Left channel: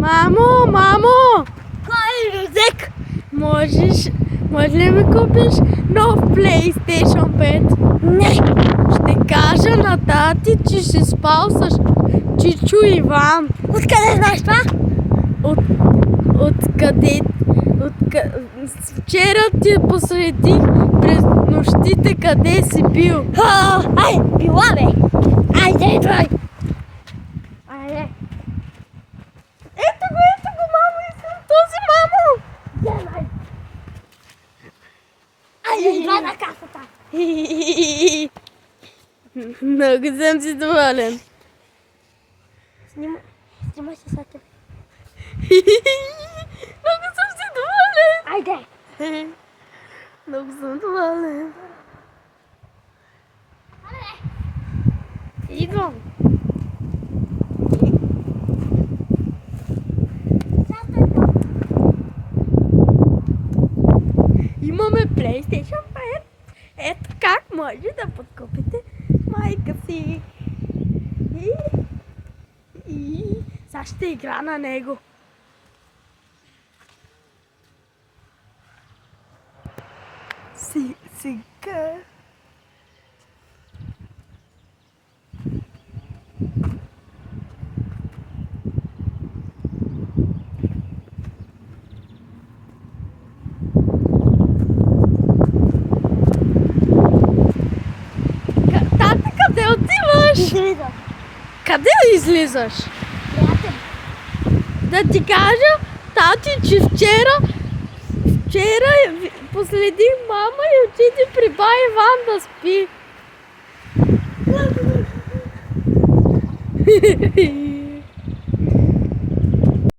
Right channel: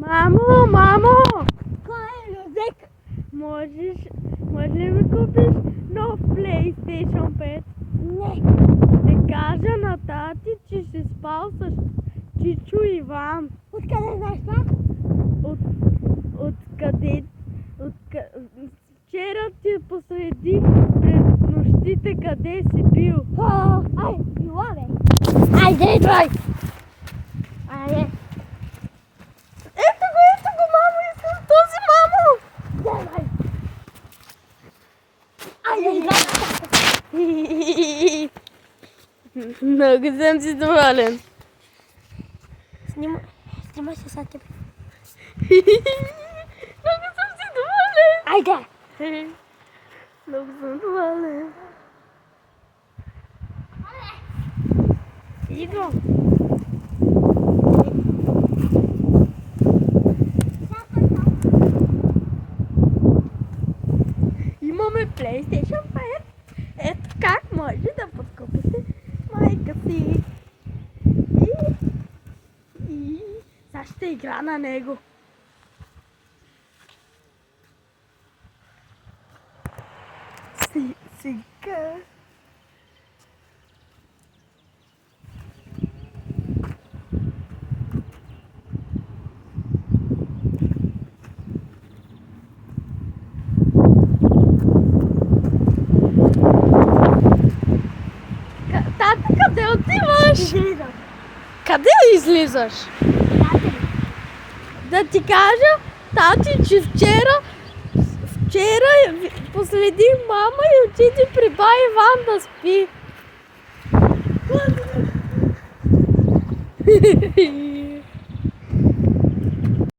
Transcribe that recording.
Мамо, мамо! Кой език? Може ли ми купиш нов PlayStation 5? Не. Ще кажа на тати, че ще спал с Чичо Иван. Откъде знаеш това? Откъде? Вчера ти посредих през нощите къде си бил. Ай, била бе. Айде, идвай. Айде. Ето го, мамо, искам този, мамо! Давай. Айде, идвай на тата. Много съм си доволен. Снимай се са тебе. Много съм си доволен. Айде. Много съм доволен. Идвам. Имаме PlayStation 5. Ето как може да подкупите майка си. И сега ще игра на него. Сега. Тата, къде отиваш? Излизам. Къде излизаш? Да ти кажа, тати, че вчера последих мама и отиде при бай Иван да спи.